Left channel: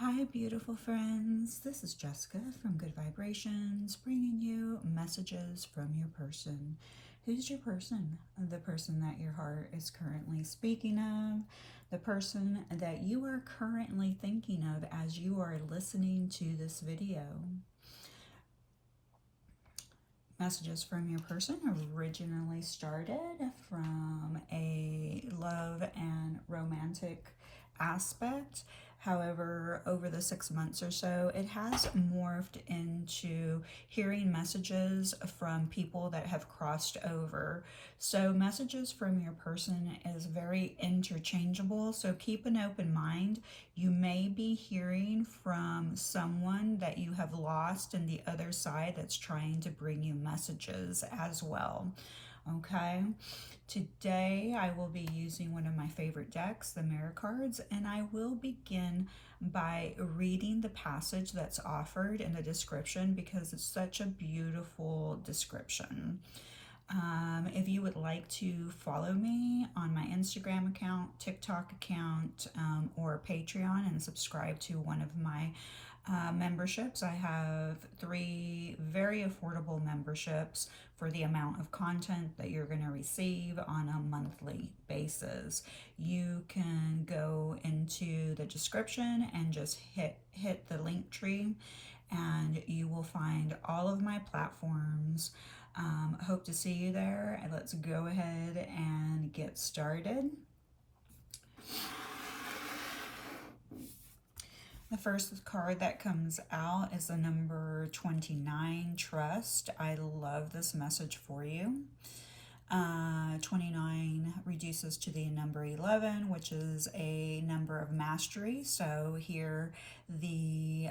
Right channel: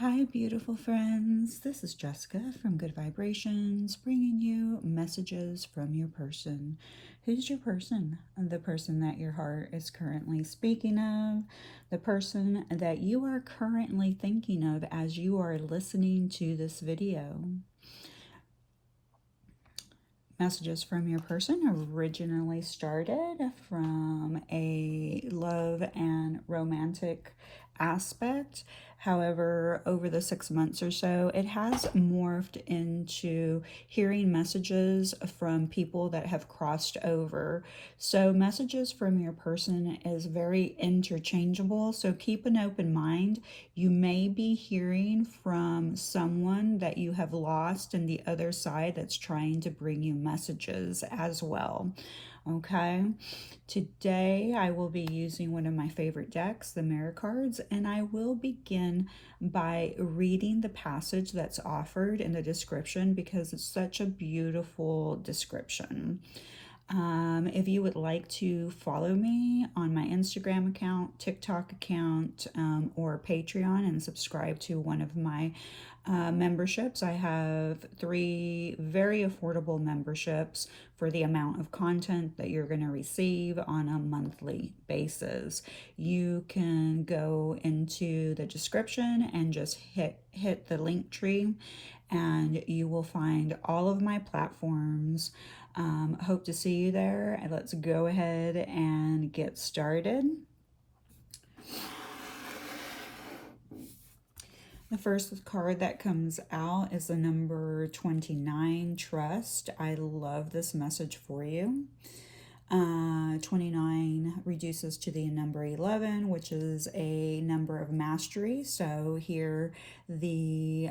Hi, beautiful friends. This is Jessica from Good Vibrations, bringing you messages from your person. Who's your person? The person that your heart is currently speaking of, the person that you are currently thinking of as you are listening to this video. Messages from your person originally started from a love and romantic aspect. However, over the 6 months or so, it has morphed into hearing messages from people that have crossed over. So messages from your person is very interchangeable. So keep an open mind. You may be hearing from someone that you have lost in the other side that's trying to bring you messages as well. Okay, today I will be using one of my favorite decks, the Mirror cards, and I will begin by reading the passage that's offered in the description because it's such a beautiful description. If you would like to follow me on my Instagram account, TikTok account, or Patreon and subscribe to one of my memberships, I have 3 very affordable memberships for the amount of content that you're going to receive on a monthly basis. You can go into the description and just hit the link tree and you will find all of my platforms. Hope to see you there. Let's go ahead and get started. The first card that comes out is the number 29, Trust. I love this message for you. 29 reduces to the number 11, which is a number of mastery. So here the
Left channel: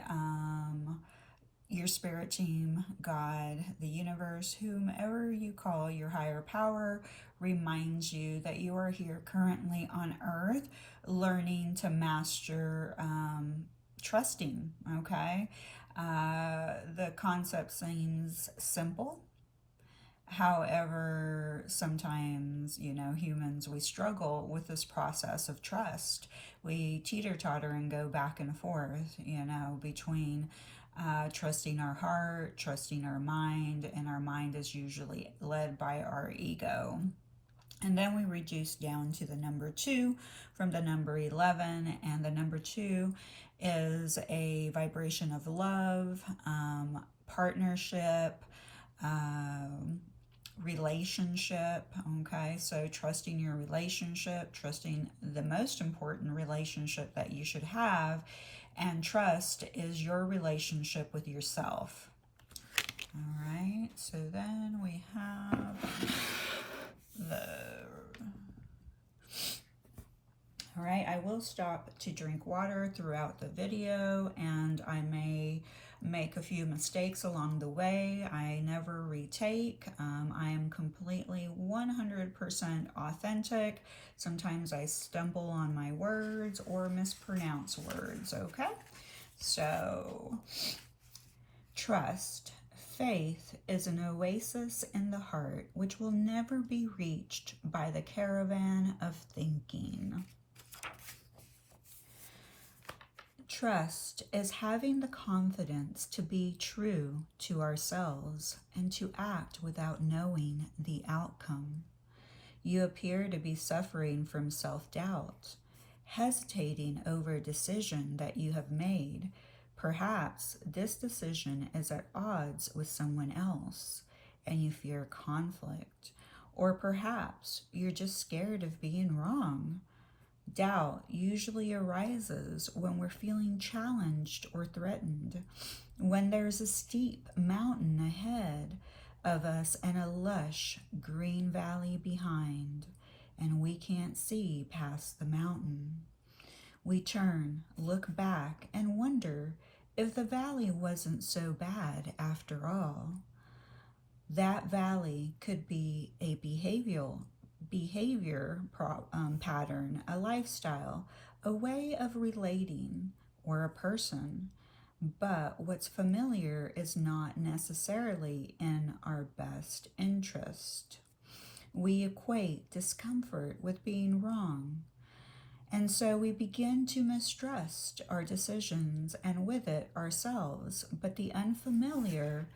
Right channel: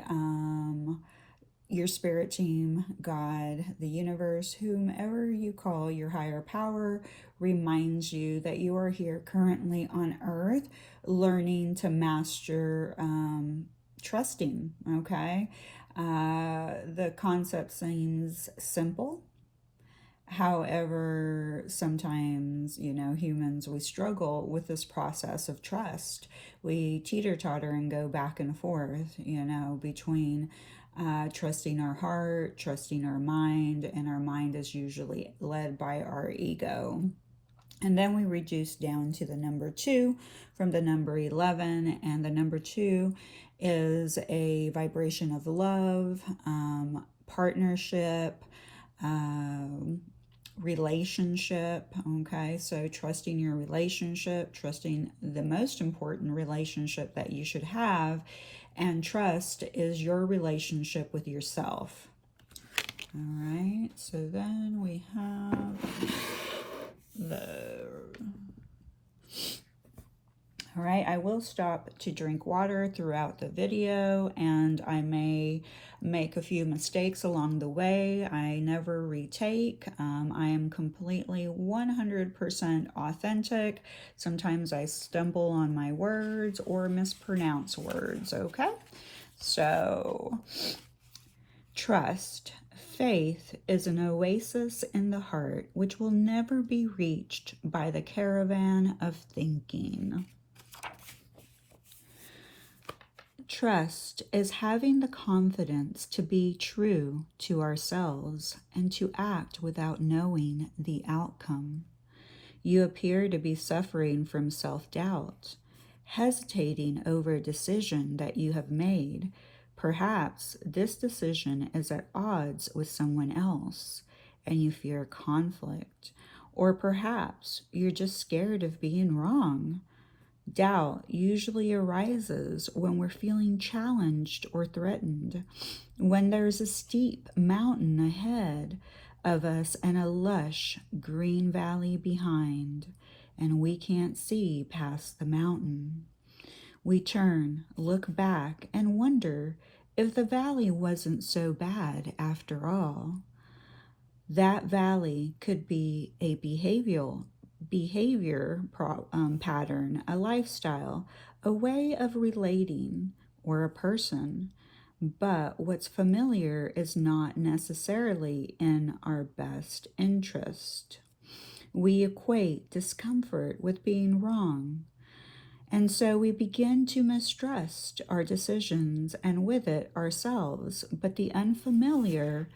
your spirit team, God, the universe, whomever you call your higher power, reminds you that you are here currently on earth learning to master trusting, okay? The concept seems simple. However, sometimes, humans, we struggle with this process of trust. We teeter-totter and go back and forth, between trusting our heart, trusting our mind, and our mind is usually led by our ego. And then we reduce down to the number 2 from the number 11, and the number 2 is a vibration of love, partnership, relationship. Okay, so trusting your relationship, trusting the most important relationship that you should have, and trust is your relationship with yourself. All right, so then we have all right, I will stop to drink water throughout the video, and I may make a few mistakes along the way. I never retake. I am completely 100% authentic. Sometimes I stumble on my words or mispronounce words, okay? So, trust. Faith is an oasis in the heart which will never be reached by the caravan of thinking. Trust is having the confidence to be true to ourselves and to act without knowing the outcome. You appear to be suffering from self-doubt, hesitating over a decision that you have made. Perhaps this decision is at odds with someone else and you fear conflict. Or perhaps you're just scared of being wrong. Doubt usually arises when we're feeling challenged or threatened, when there's a steep mountain ahead of us and a lush green valley behind, and we can't see past the mountain. We turn, look back, and wonder if the valley wasn't so bad after all. That valley could be a behavior pattern, a lifestyle, a way of relating, or a person. But what's familiar is not necessarily in our best interest. We equate discomfort with being wrong, And so we begin to mistrust our decisions and with it ourselves. But the unfamiliar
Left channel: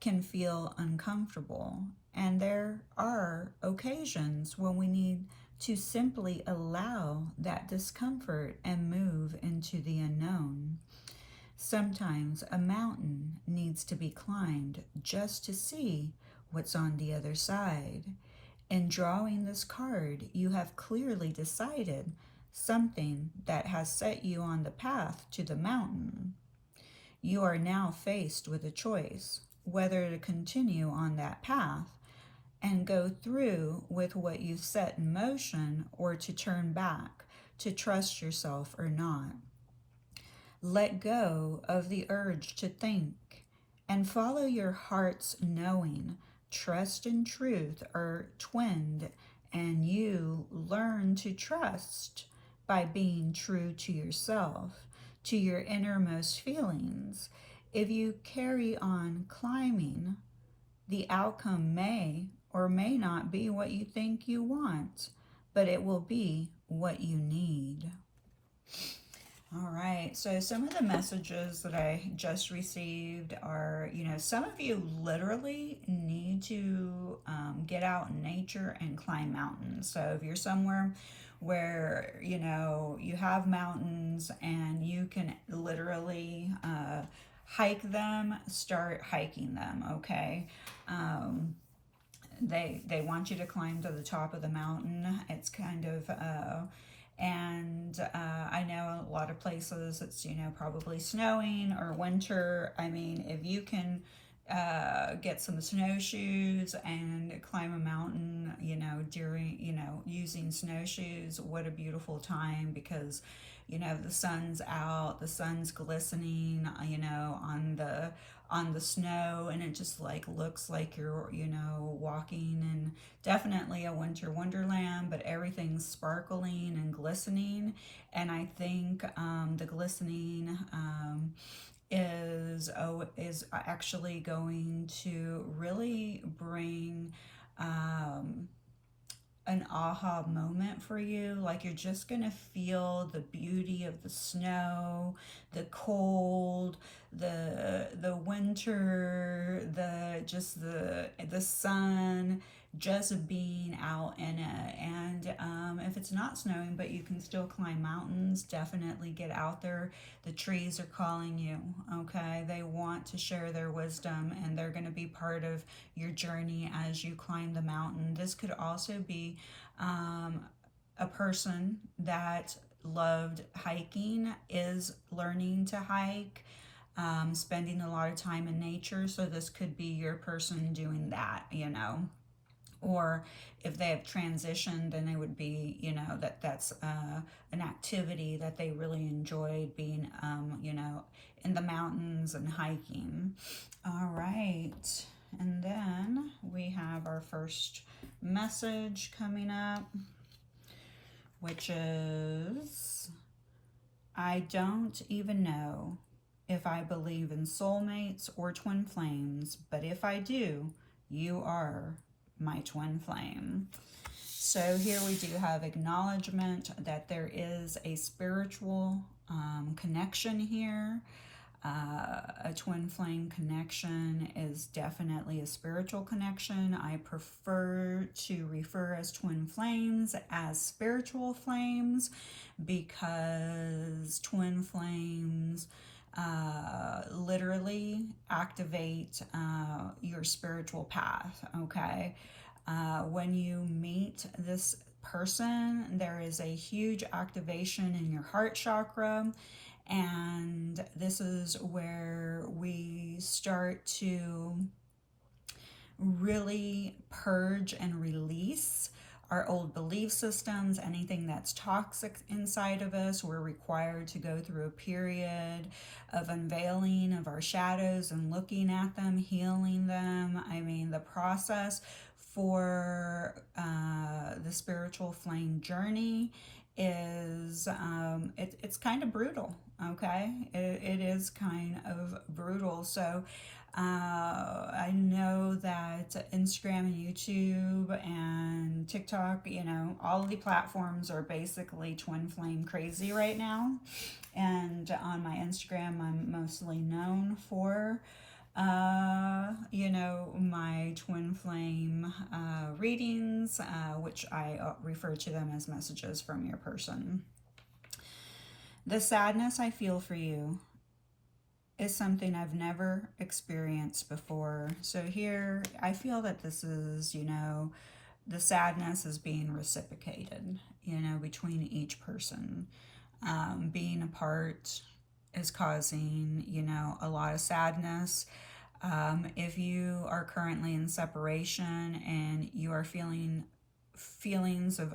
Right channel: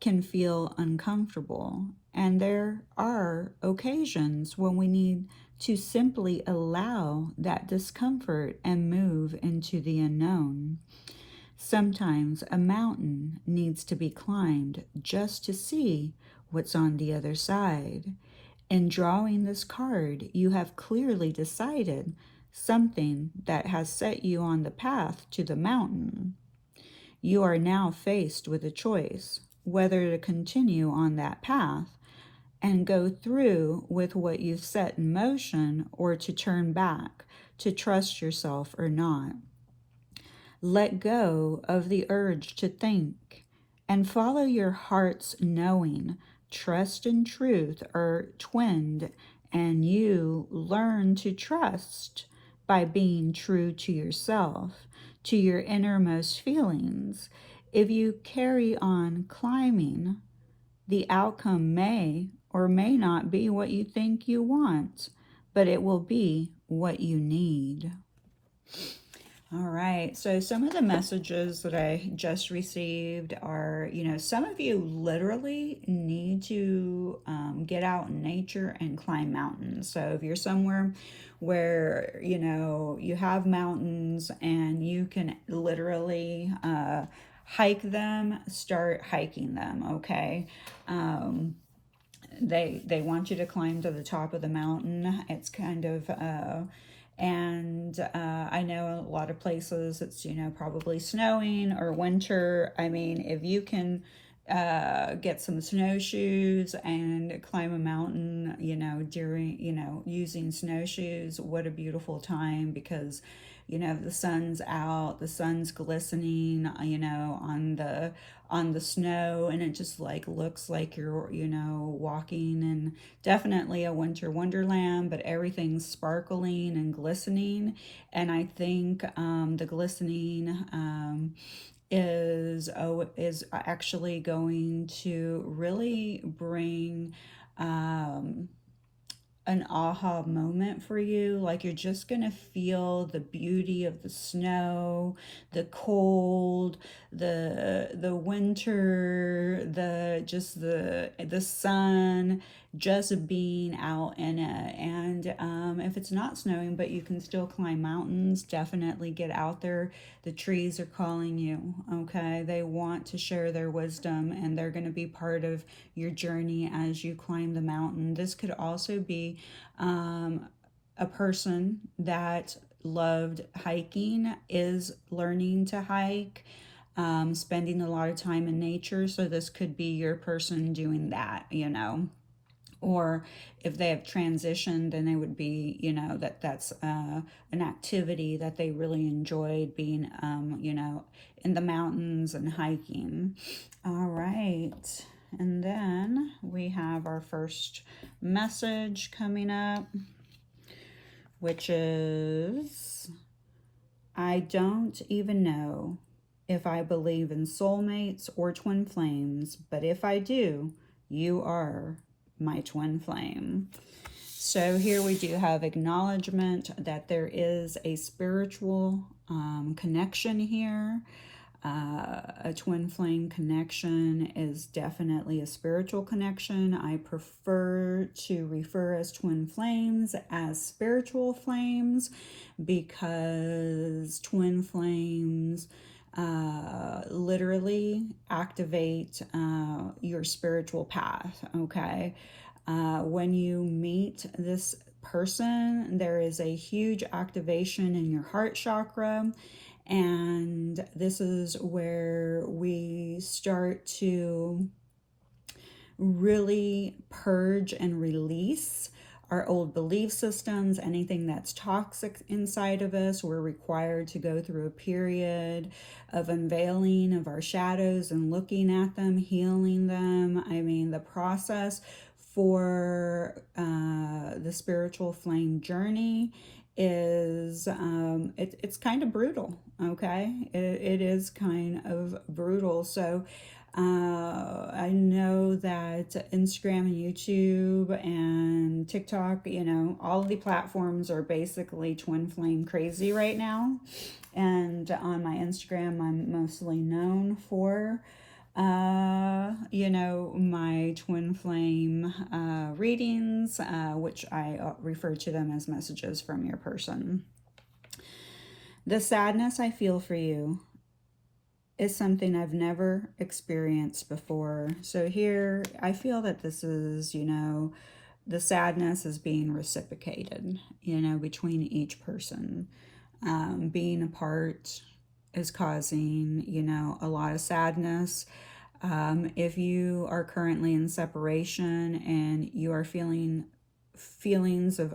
can feel uncomfortable. And there are occasions when we need to simply allow that discomfort and move into the unknown. Sometimes a mountain needs to be climbed just to see what's on the other side. In drawing this card, you have clearly decided something that has set you on the path to the mountain. You are now faced with a choice whether to continue on that path and go through with what you've set in motion or to turn back, to trust yourself or not. Let go of the urge to think and follow your heart's knowing. Trust and truth are twinned, and you learn to trust by being true to yourself, to your innermost feelings. If you carry on climbing, the outcome may or may not be what you think you want, but it will be what you need. All right, so some of the messages that I just received are, some of you literally need to get out in nature and climb mountains. So if you're somewhere where, you have mountains and you can literally hike them, start hiking them, okay? They want you to climb to the top of the mountain. It's kind of I know a lot of places it's probably snowing or winter. I mean, if you can get some snowshoes and climb a mountain during using snowshoes, what a beautiful time, because the sun's out, the sun's glistening on the snow, and it just looks like you're walking in definitely a winter wonderland, but everything's sparkling and glistening. And I think the glistening is actually going to really bring an aha moment for you. Like, you're just gonna feel the beauty of the snow, the cold, the winter, the sun, just being out in it. And if it's not snowing but you can still climb mountains, definitely get out there. The trees are calling you, okay? They want to share their wisdom, and they're going to be part of your journey as you climb the mountain. This could also be a person that loved hiking, is learning to hike, spending a lot of time in nature. So this could be your person doing that, or if they have transitioned, then they would be, that's an activity that they really enjoyed, being, in the mountains and hiking. All right. And then we have our first message coming up, which is, I don't even know if I believe in soulmates or twin flames, but if I do, you are my twin flame. So here we do have acknowledgement that there is a spiritual connection here. A twin flame connection is definitely a spiritual connection. I prefer to refer as twin flames as spiritual flames, because twin flames literally activate your spiritual path, okay? When you meet this person, there is a huge activation in your heart chakra, and this is where we start to really purge and release our old belief systems, anything that's toxic inside of us. We're required to go through a period of unveiling of our shadows and looking at them, healing them. I mean, the process for the spiritual flame journey is it's kind of brutal, okay? It is kind of brutal. So I know that Instagram and YouTube and TikTok, all of the platforms are basically twin flame crazy right now. And on my Instagram, I'm mostly known for, my twin flame readings, which I refer to them as messages from your person. The sadness I feel for you is something I've never experienced before. So here, I feel that this is, the sadness is being reciprocated, between each person. Being apart is causing, a lot of sadness. If you are currently in separation and you are feeling feelings of,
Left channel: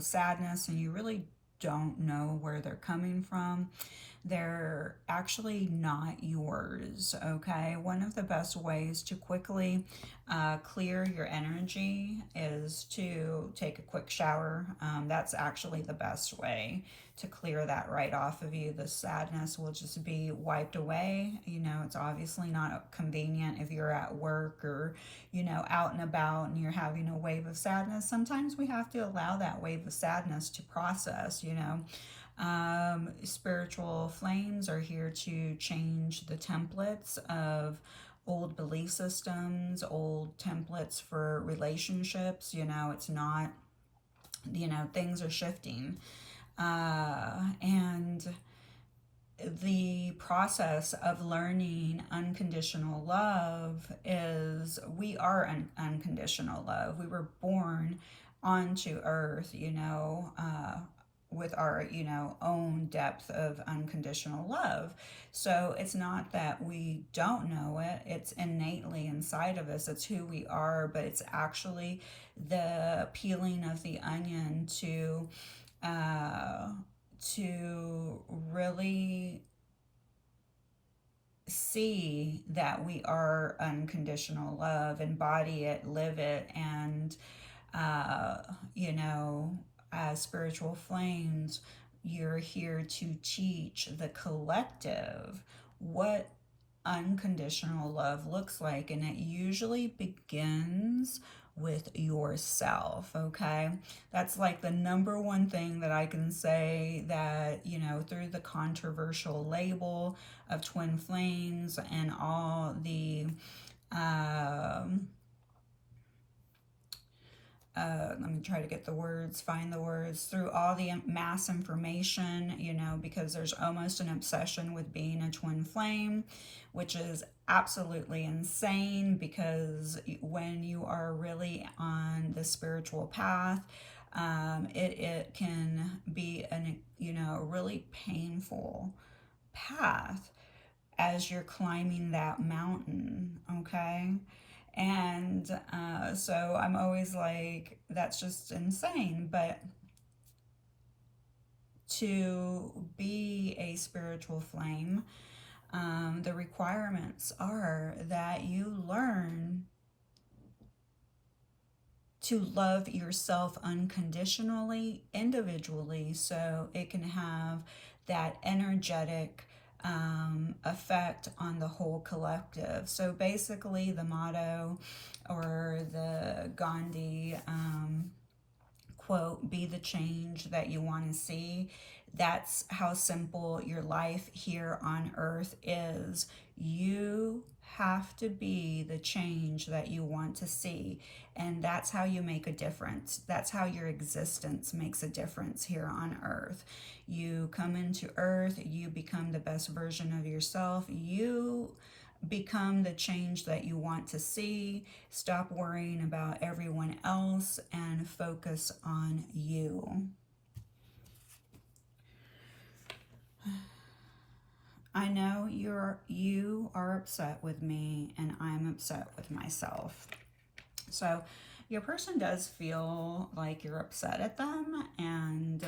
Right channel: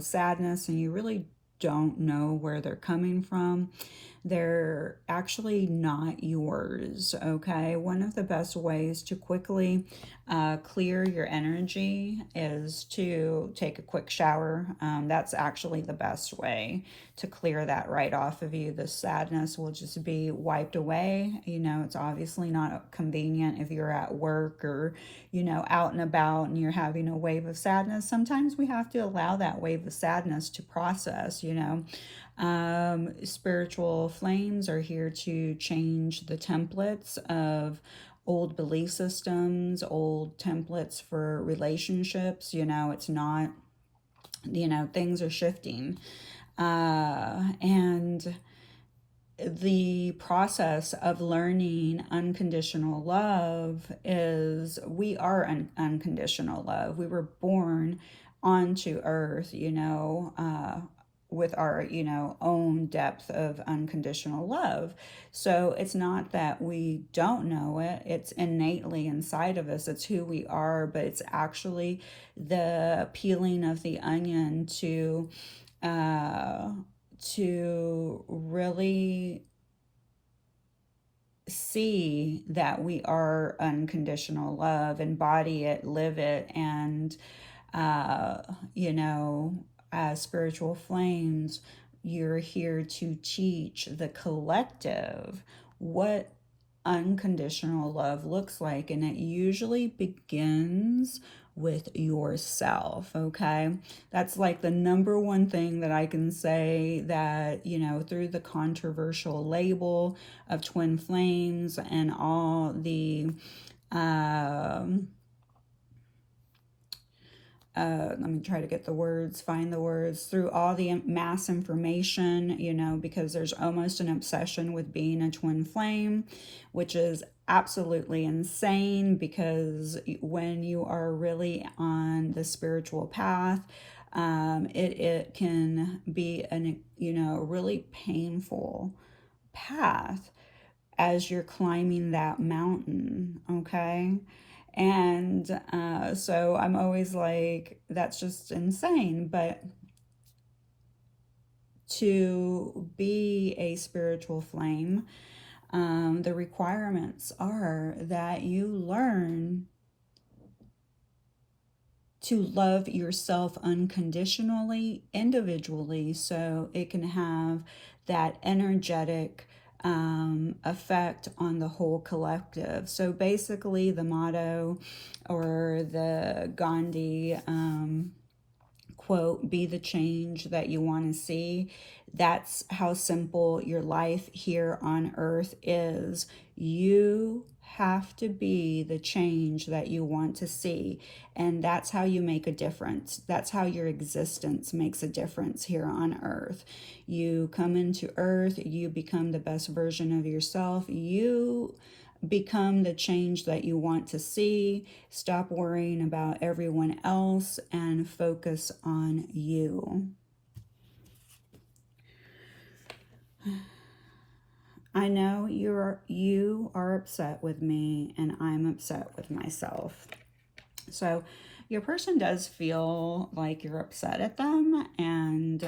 sadness, and you really don't know where they're coming from, they're actually not yours, okay? One of the best ways to quickly clear your energy is to take a quick shower. That's actually the best way to clear that right off of you. The sadness will just be wiped away. It's obviously not convenient if you're at work or, out and about and you're having a wave of sadness. Sometimes we have to allow that wave of sadness to process. Spiritual flames are here to change the templates of old belief systems, old templates for relationships. It's not, things are shifting. And the process of learning unconditional love is we are unconditional love. We were born onto earth, with our, own depth of unconditional love. So it's not that we don't know it, it's innately inside of us. It's who we are, but it's actually the peeling of the onion to really see that we are unconditional love, embody it, live it, and as spiritual flames, you're here to teach the collective what unconditional love looks like, and it usually begins with yourself. Okay, that's like the number one thing that I can say, that through the controversial label of twin flames and all the let me try to get the words, find the words, through all the mass information, because there's almost an obsession with being a twin flame, which is absolutely insane, because when you are really on the spiritual path, it can be a really painful path as you're climbing that mountain, okay? And so I'm always like, that's just insane. But to be a spiritual flame, the requirements are that you learn to love yourself unconditionally, individually, so it can have that energetic effect on the whole collective. So basically, the motto, or the Gandhi quote, be the change that you want to see. That's how simple your life here on earth is. You have to be the change that you want to see, and that's how you make a difference. That's how your existence makes a difference here on earth. You come into earth, you become the best version of yourself, you become the change that you want to see. Stop worrying about everyone else and focus on you. I know you are upset with me, and I'm upset with myself. So your person does feel like you're upset at them, and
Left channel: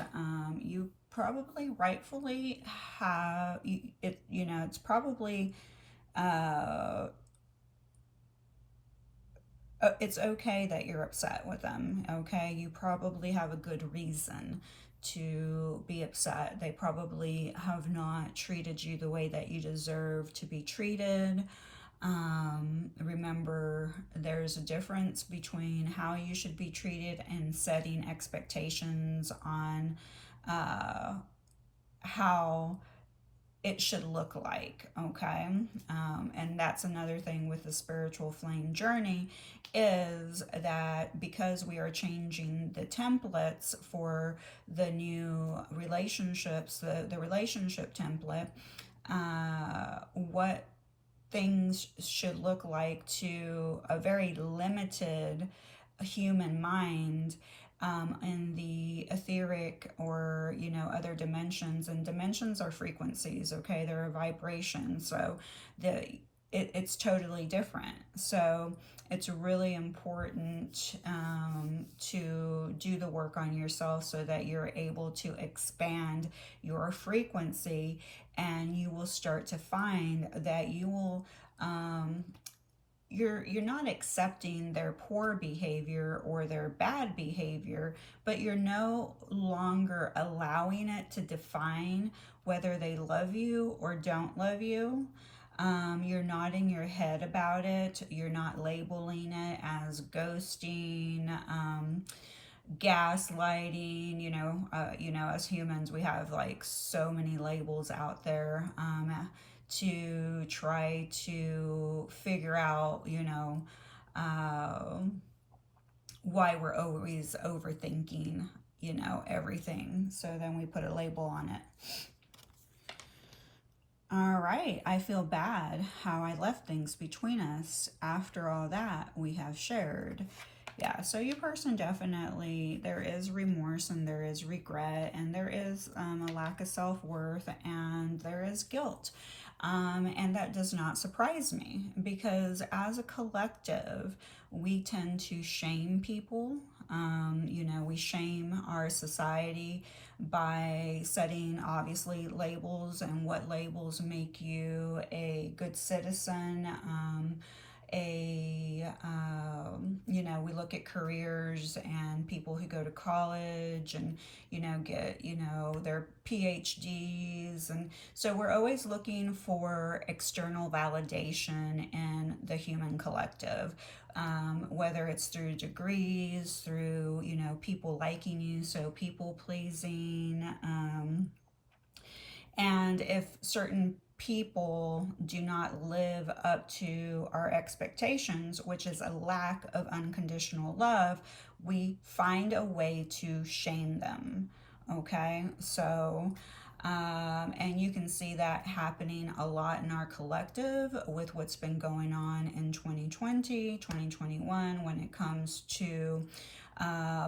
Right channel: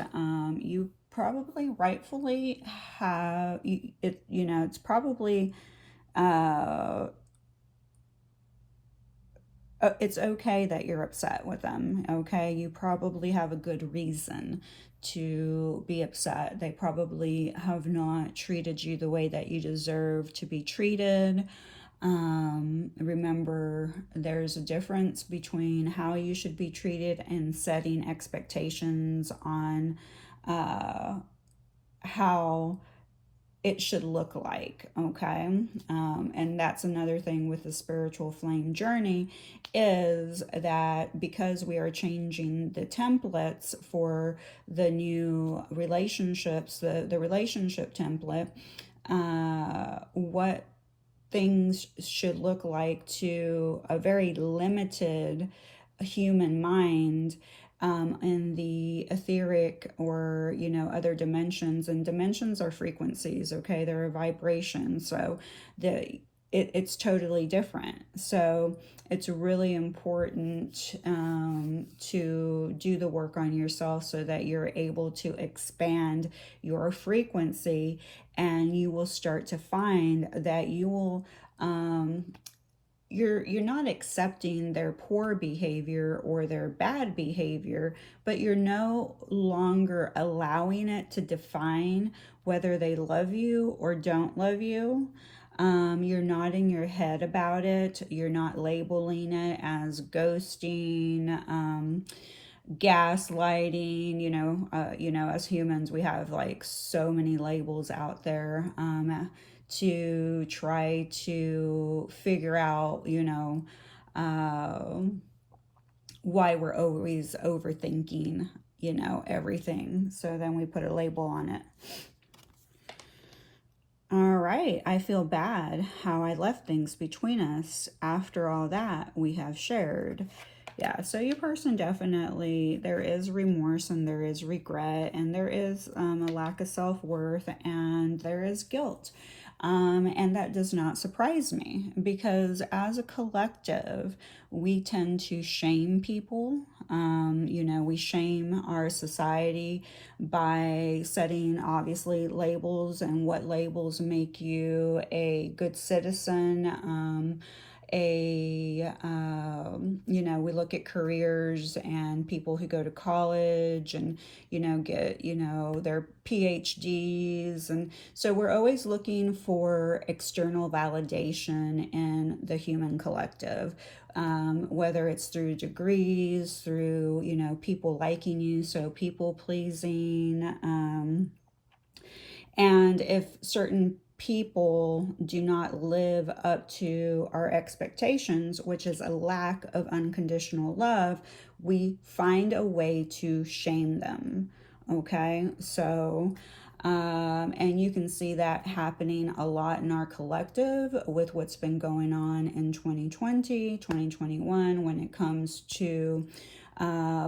you probably rightfully have it. It's probably it's okay that you're upset with them. Okay, you probably have a good reason to be upset. They probably have not treated you the way that you deserve to be treated. Remember, there's a difference between how you should be treated and setting expectations on how it should look like, okay? And that's another thing with the spiritual flame journey, is that because we are changing the templates for the new relationships, the relationship template, what things should look like to a very limited human mind, in the etheric, or other dimensions. And dimensions are frequencies, okay? They're a vibration, so it's totally different. So it's really important to do the work on yourself so that you're able to expand your frequency, and you will start to find that you will you're not accepting their poor behavior or their bad behavior, but you're no longer allowing it to define whether they love you or don't love you. You're nodding your head about it. You're not labeling it as ghosting, gaslighting. As humans, we have like so many labels out there, to try to figure out, why we're always overthinking, everything. So then we put a label on it. All right, I feel bad how I left things between us after all that we have shared. Yeah, so your person definitely, there is remorse and there is regret and there is a lack of self-worth and there is guilt. And that does not surprise me, because as a collective, we tend to shame people. We shame our society by setting, obviously, labels, and what labels make you a good citizen. We look at careers and people who go to college and get their PhDs, and so we're always looking for external validation in the human collective, whether it's through degrees, through people liking you, so people pleasing, and if certain people do not live up to our expectations, which is a lack of unconditional love, we find a way to shame them. Okay, so and you can see that happening a lot in our collective with what's been going on in 2020, 2021, when it comes to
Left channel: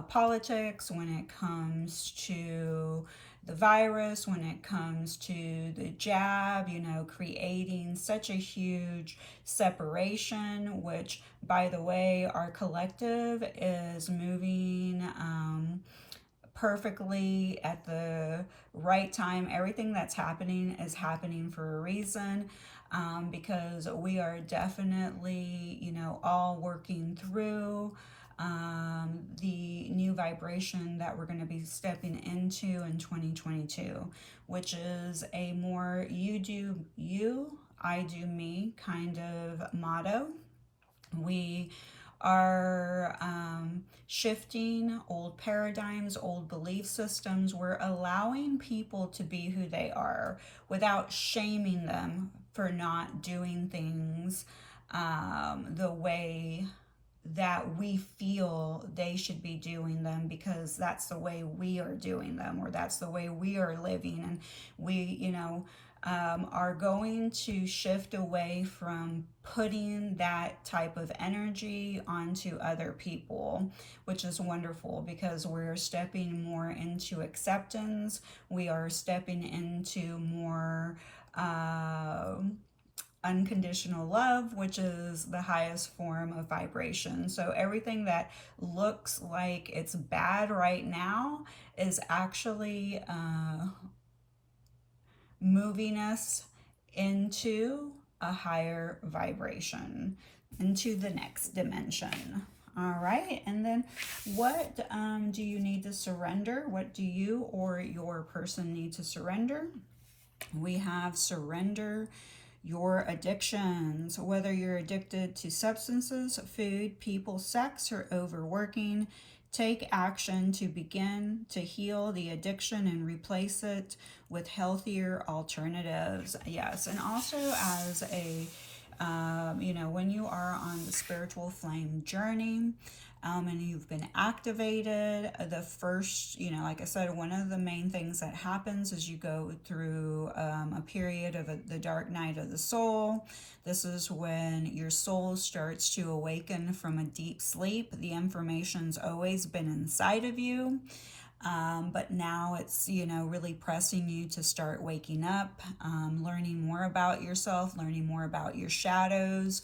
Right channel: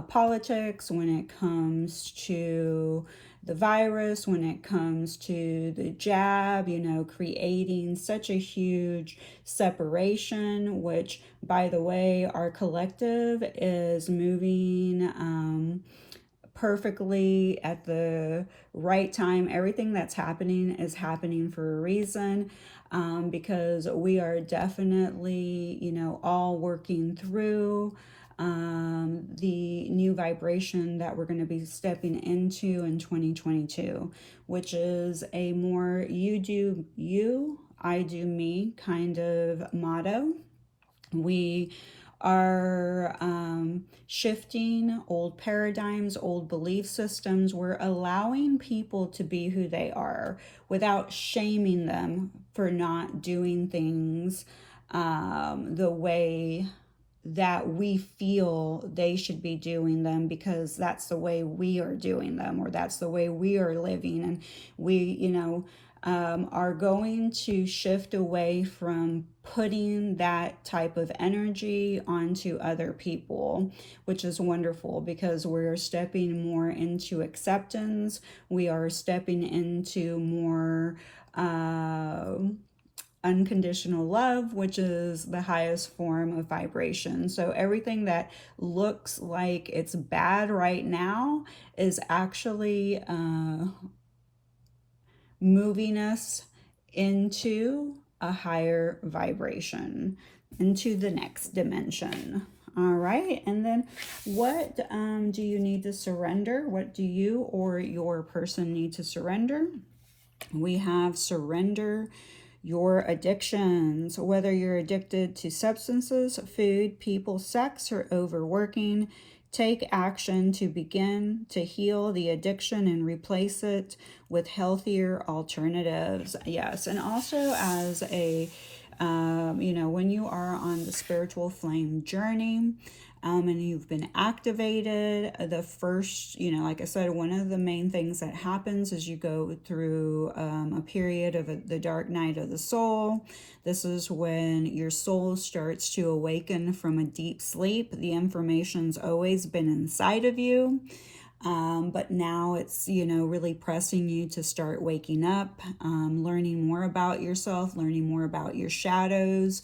politics, when it comes to the virus, when it comes to the jab, creating such a huge separation, which, by the way, our collective is moving perfectly at the right time. Everything that's happening is happening for a reason, because we are definitely, all working through the new vibration that we're going to be stepping into in 2022, which is a more you do you, I do me kind of motto. We are shifting old paradigms, old belief systems. We're allowing people to be who they are without shaming them for not doing things the way that we feel they should be doing them, because that's the way we are doing them, or that's the way we are living. And we, are going to shift away from putting that type of energy onto other people, which is wonderful, because we're stepping more into acceptance. We are stepping into more unconditional love, which is the highest form of vibration. So everything that looks like it's bad right now is actually moving us into a higher vibration, into the next dimension. All right, and then what do you need to surrender? What do you or your person need to surrender? We have surrender your addictions, whether you're addicted to substances, food, people, sex, or overworking. Take action to begin to heal the addiction and replace it with healthier alternatives. Yes, and also as a, when you are on the spiritual flame journey, and you've been activated, the first, like I said, one of the main things that happens is you go through a period of the dark night of the soul. This is when your soul starts to awaken from a deep sleep. The information's always been inside of you. But now it's, really pressing you to start waking up, learning more about yourself, learning more about your shadows.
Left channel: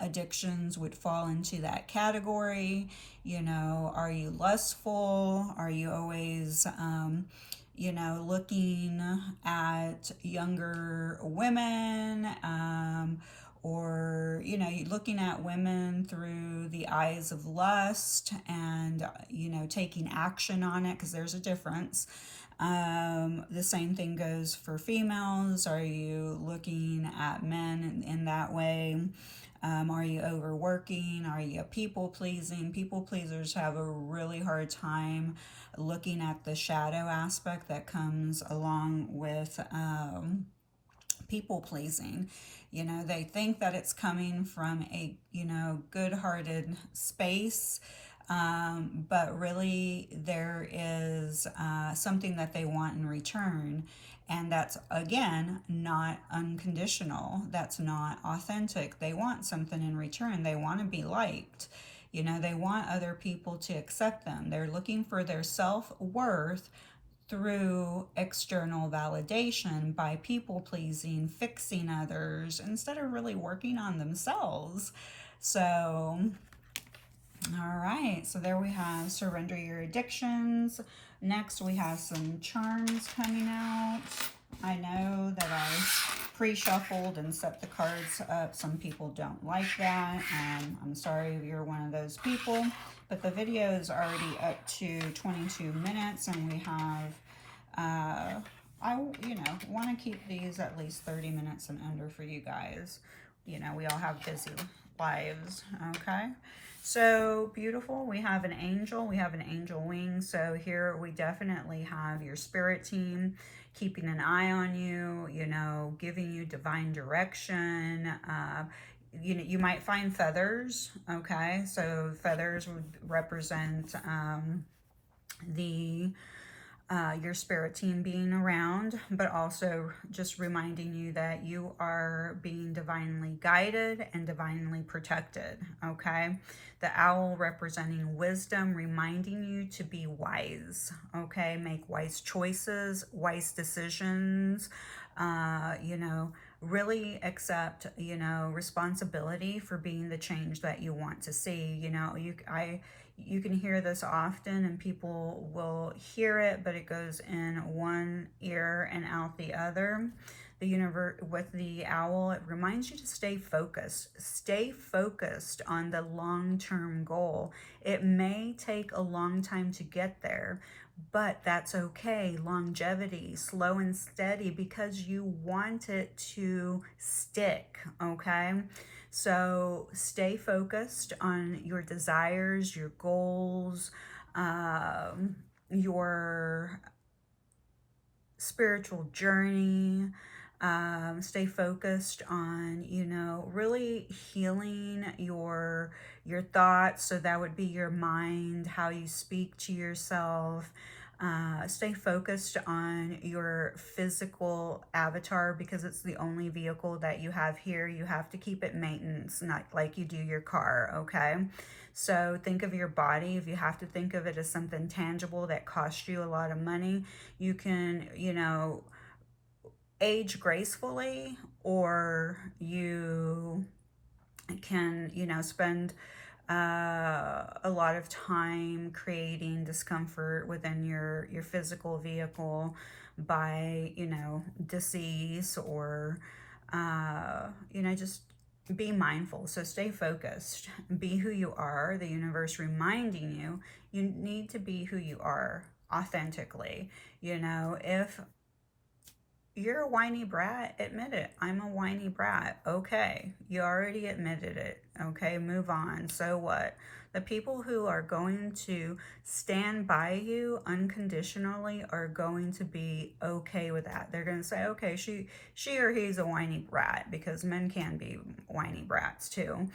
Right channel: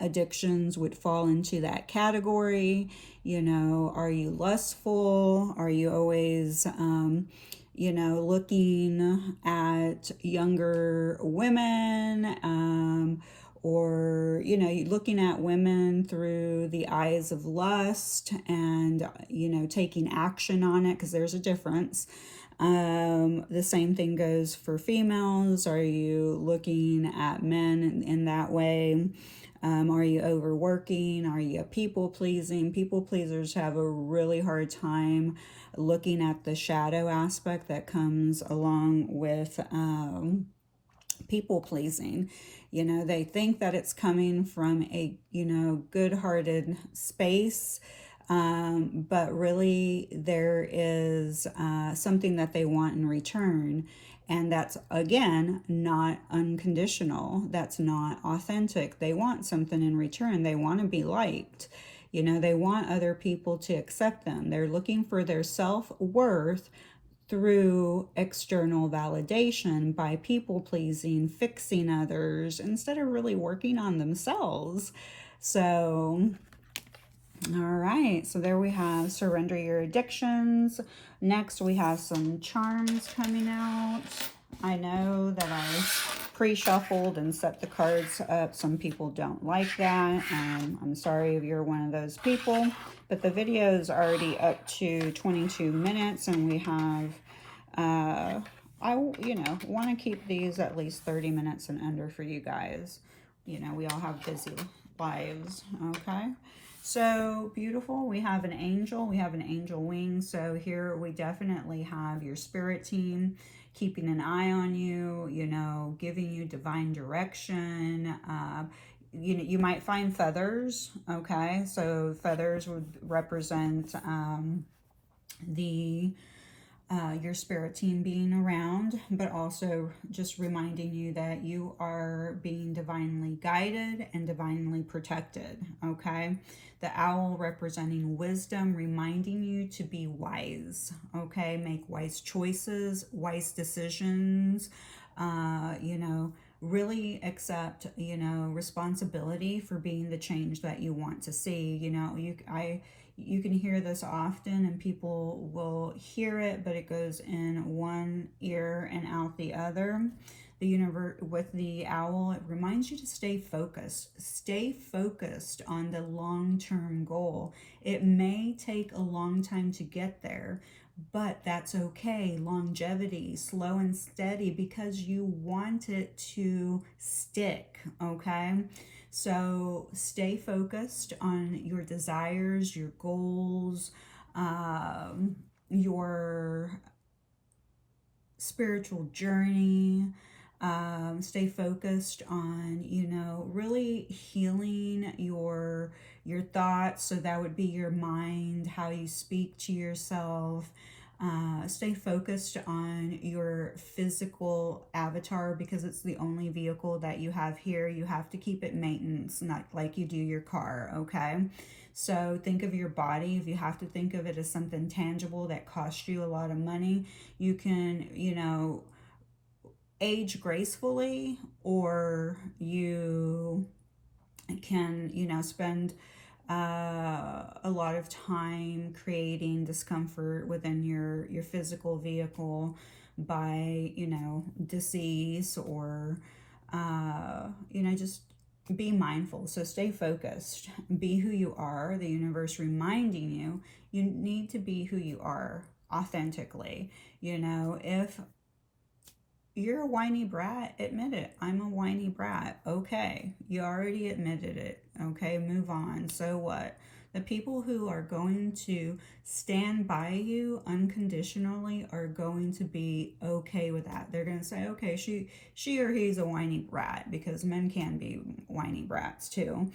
Addictions would fall into that category. Are you lustful? Are you always, looking at younger women? Or looking at women through the eyes of lust and taking action on it, because there's a difference. The same thing goes for females. Are you looking at men in that way? Are you overworking? Are you people pleasing? People pleasers have a really hard time looking at the shadow aspect that comes along with people pleasing. They think that it's coming from a, good-hearted space, but really there is something that they want in return. And that's, again, not unconditional. That's not authentic. They want something in return. They want to be liked. They want other people to accept them. They're looking for their self-worth through external validation by people pleasing, fixing others, instead of really working on themselves. So, all right, so there we have Surrender Your Addictions. Next, we have some charms coming out. I know that I pre-shuffled and set the cards up. Some people don't like that. I'm sorry if you're one of those people, but the video is already up to 22 minutes, and we have, I want to keep these at least 30 minutes and under for you guys. We all have busy lives, okay? So beautiful. We have an angel. We have an angel wing. So here we definitely have your spirit team keeping an eye on you, giving you divine direction. You might find feathers, okay? So feathers would represent your spirit team being around, but also just reminding you that you are being divinely guided and divinely protected, okay? The owl representing wisdom, reminding you to be wise, okay? Make wise choices, wise decisions, really accept, responsibility for being the change that you want to see. You can hear this often and people will hear it, but it goes in one ear and out the other. The universe with the owl, it reminds you to stay focused. Stay focused on the long-term goal. It may take a long time to get there, but that's okay. Longevity, slow and steady, because you want it to stick, okay? So stay focused on your desires, your goals, your spiritual journey. Stay focused on, really healing your thoughts. So that would be your mind, how you speak to yourself. Stay focused on your physical avatar, because it's the only vehicle that you have here. You have to keep it maintenance, not like you do your car, okay? So think of your body. If you have to think of it as something tangible that costs you a lot of money, you can, age gracefully, or you can, spend a lot of time creating discomfort within your physical vehicle by, disease, or, just be mindful. So stay focused, be who you are. The universe reminding you, you need to be who you are authentically. If you're a whiny brat, admit it. I'm a whiny whiny brat. Okay, you already admitted it. Okay, move on. So what? The people who are going to stand by you unconditionally are going to be okay with that. They're going to say, okay, she or he's a whiny brat, because men can be whiny brats too.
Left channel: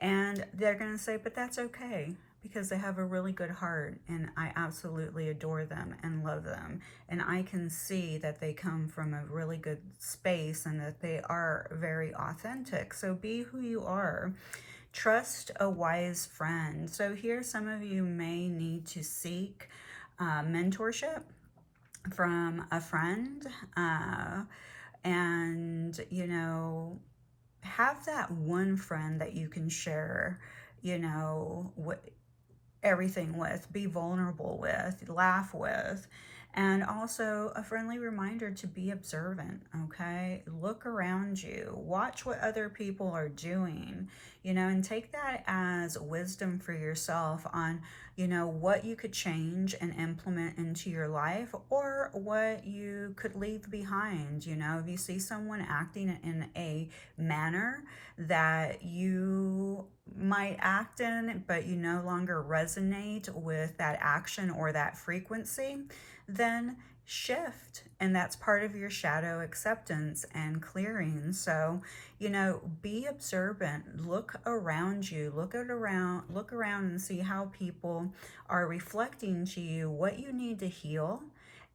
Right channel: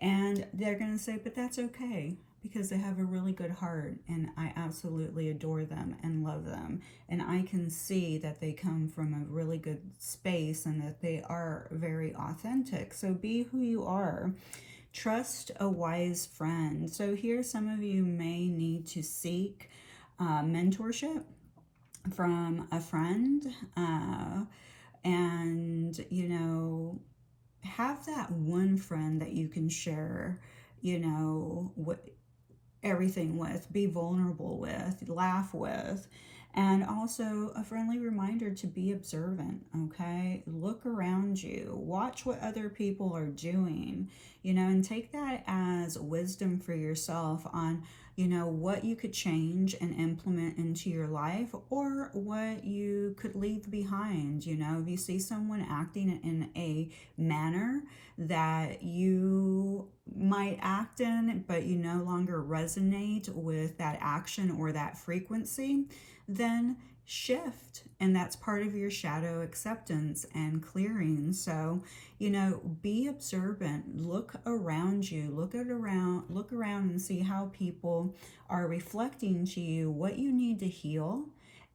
And they're going to say, but that's okay, because they have a really good heart, and I absolutely adore them and love them. And I can see that they come from a really good space and that they are very authentic. So be who you are. Trust a wise friend. So here, some of you may need to seek mentorship from a friend, and, you know, have that one friend that you can share, you know, everything with, be vulnerable with, laugh with. And also a friendly reminder to be observant, okay? Look around you, watch what other people are doing, you know, and take that as wisdom for yourself on, you know, what you could change and implement into your life, or what you could leave behind. You know, if you see someone acting in a manner that you might act in, but you no longer resonate with that action or that frequency, then shift. And that's part of your shadow acceptance and clearing. So, you know, be observant, look around you, look around and see how people are reflecting to you what you need to heal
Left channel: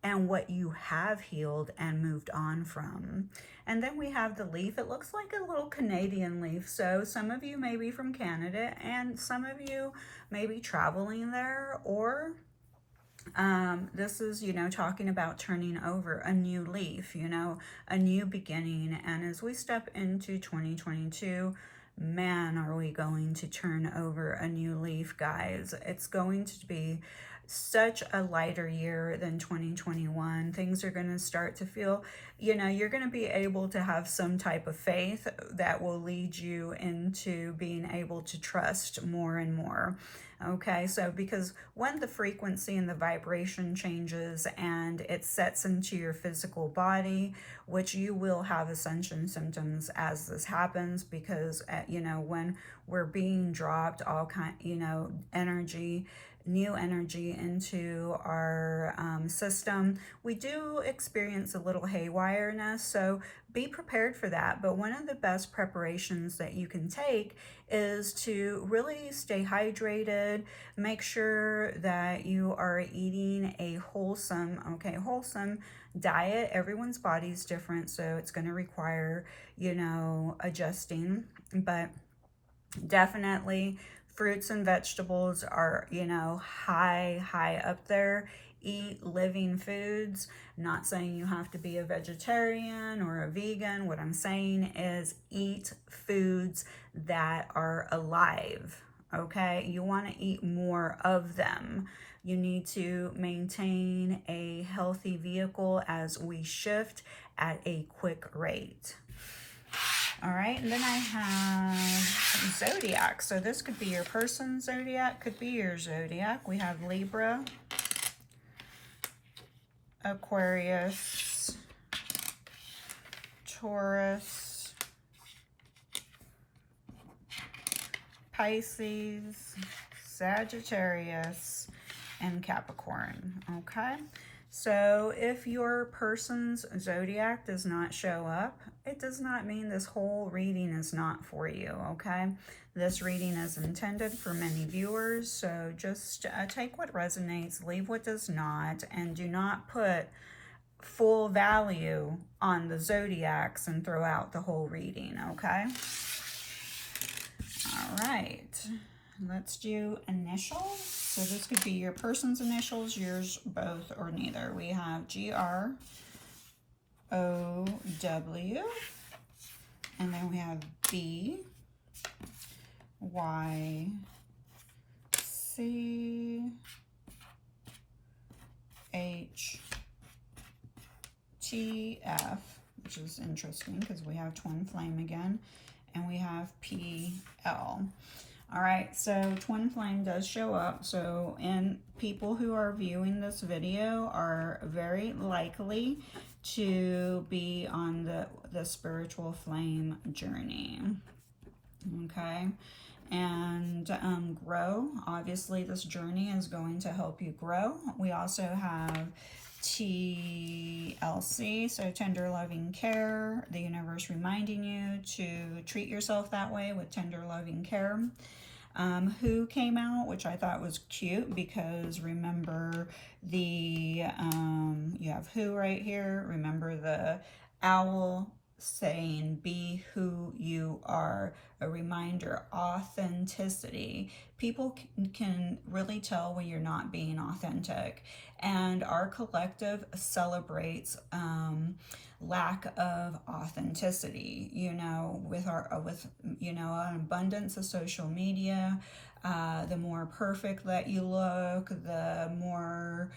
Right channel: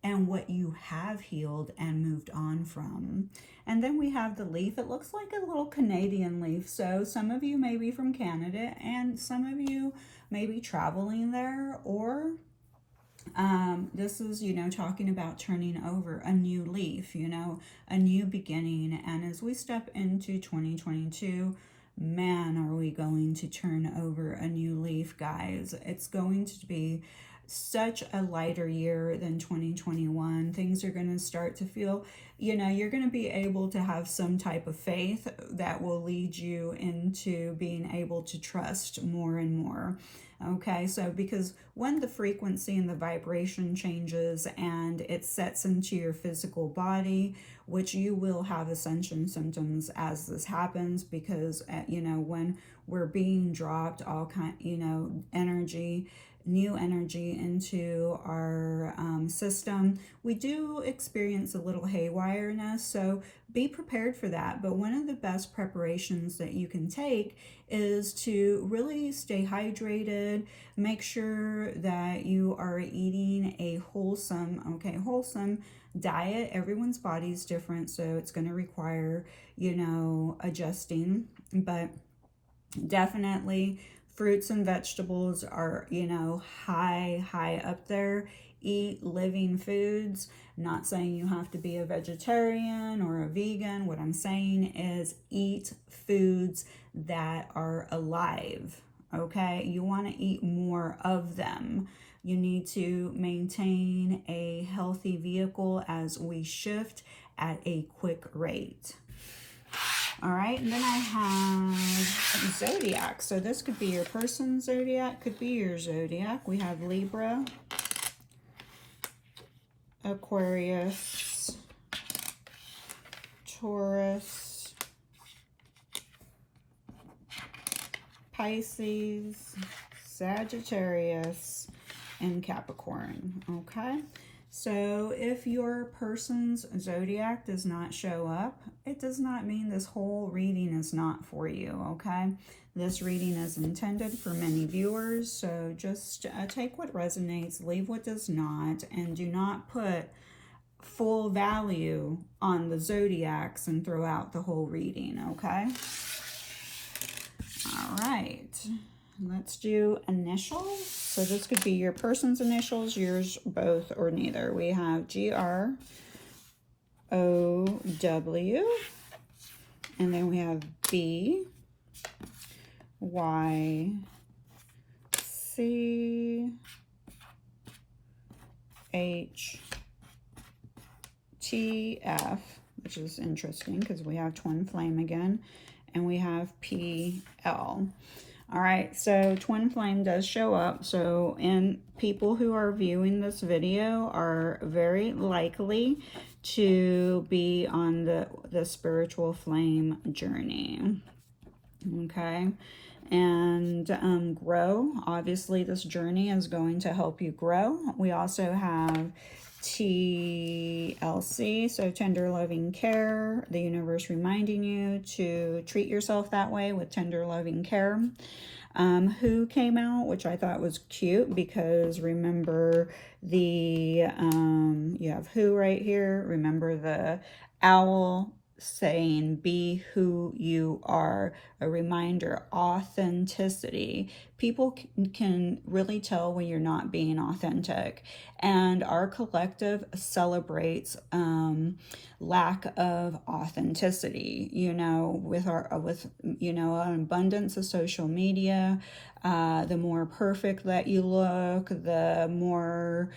and what you have healed and moved on from. And then we have the leaf. It looks like a little Canadian leaf. So some of you may be from Canada, and some of you may be traveling there, or this is, you know, talking about turning over a new leaf, you know, a new beginning. And as we step into 2022, man, are we going to turn over a new leaf, guys. It's going to be such a lighter year than 2021. Things are going to start to feel, you know, you're going to be able to have some type of faith that will lead you into being able to trust more and more. Okay, so because when the frequency and the vibration changes and it sets into your physical body, which you will have ascension symptoms as this happens, because you know, when we're being dropped all kind, you know, energy, new energy into our system, we do experience a little haywireness. So be prepared for that. But one of the best preparations that you can take is to really stay hydrated. Make sure that you are eating a wholesome diet. Everyone's body is different, so it's going to require, you know, adjusting. But definitely fruits and vegetables are, you know, high up there. Eat living foods. Not saying you have to be a vegetarian or a vegan. What I'm saying is eat foods that are alive, okay? You want to eat more of them. You need to maintain a healthy vehicle as we shift at a quick rate. All right, and then I have zodiac. So this could be your person's zodiac, could be your zodiac. We have Libra, Aquarius, Taurus, Pisces, Sagittarius, and Capricorn. Okay, so if your person's zodiac does not show up, it does not mean this whole reading is not for you. Okay, this reading is intended for many viewers, so just take what resonates, leave what does not, and do not put full value on the zodiacs and throw out the whole reading. Okay, all right, let's do initials. So this could be your person's initials, yours, both, or neither. We have GR, OW, and then we have B, Y, C, H, T, F, which is interesting because we have twin flame again, and we have P, L. All right, so twin flame does show up. So, and people who are viewing this video are very likely to be on the spiritual flame journey. Okay, and grow. Obviously, this journey is going to help you grow. We also have TLC, so tender loving care, the universe reminding you to treat yourself that way with tender loving care. Who came out, which I thought was cute, because remember you have Who right here. Remember the owl saying, be who you are. A reminder, authenticity. People can really tell when you're not being authentic, and our collective celebrates lack of authenticity, you know, with an abundance of social media. The more perfect that you look, the more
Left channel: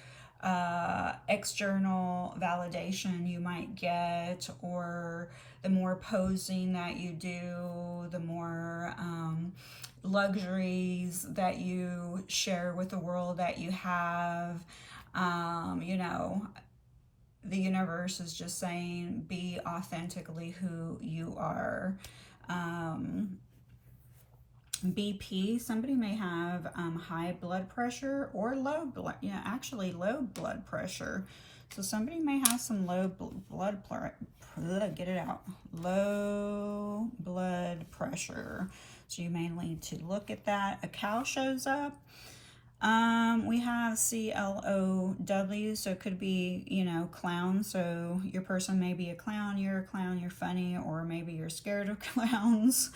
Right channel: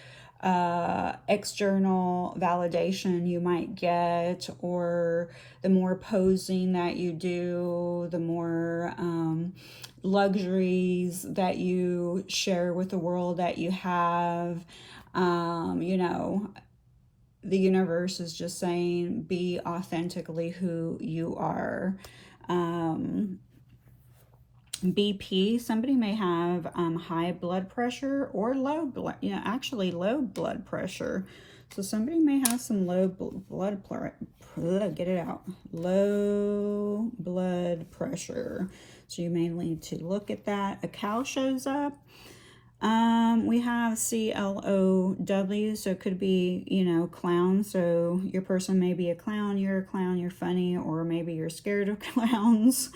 external validation you might get, or the more posing that you do, the more luxuries that you share with the world that you have. You know, the universe is just saying, be authentically who you are. BP, somebody may have high blood pressure or low blood, actually low blood pressure. So somebody may have some low blood pressure. So you may need to look at that. A cow shows up. We have CLOW, so it could be, clown. So your person may be a clown, you're a clown, you're funny, or maybe you're scared of clowns.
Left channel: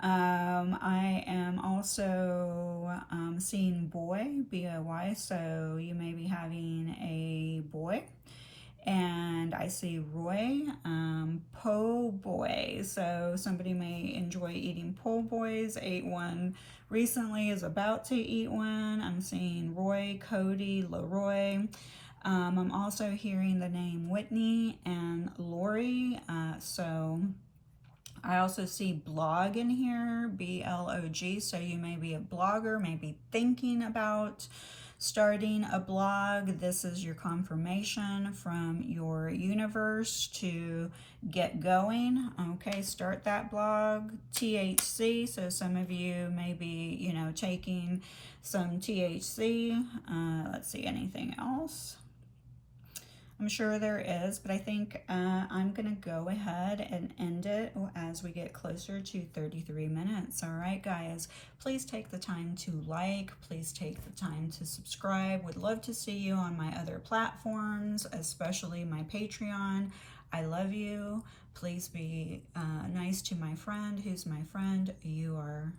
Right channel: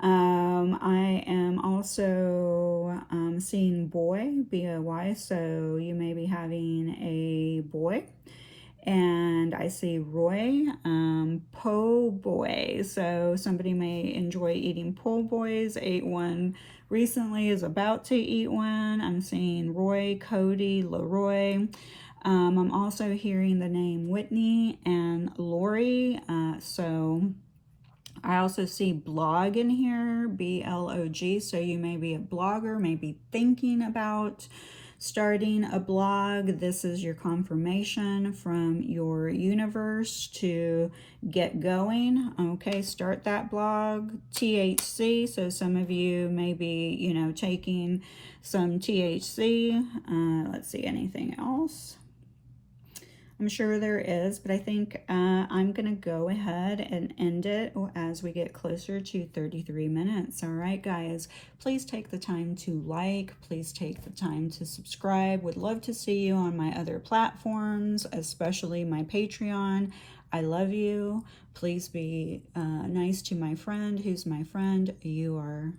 I am also seeing boy, BOY, so you may be having a boy. And I see Roy, po' boy. So somebody may enjoy eating po' boys, ate one recently, is about to eat one. I'm seeing Roy, Cody, Leroy. I'm also hearing the name Whitney and Lori. So I also see blog in here, BLOG. So you may be a blogger, maybe thinking about starting a blog. This is your confirmation from your universe to get going. Okay, start that blog. THC, so some of you may be, taking some THC. Let's see, anything else? I'm sure there is, but I think I'm going to go ahead and end it as we get closer to 33 minutes. All right, guys, please take the time to like. Please take the time to subscribe. Would love to see you on my other platforms, especially my Patreon. I love you. Please be nice to my friend. Who's my friend? You are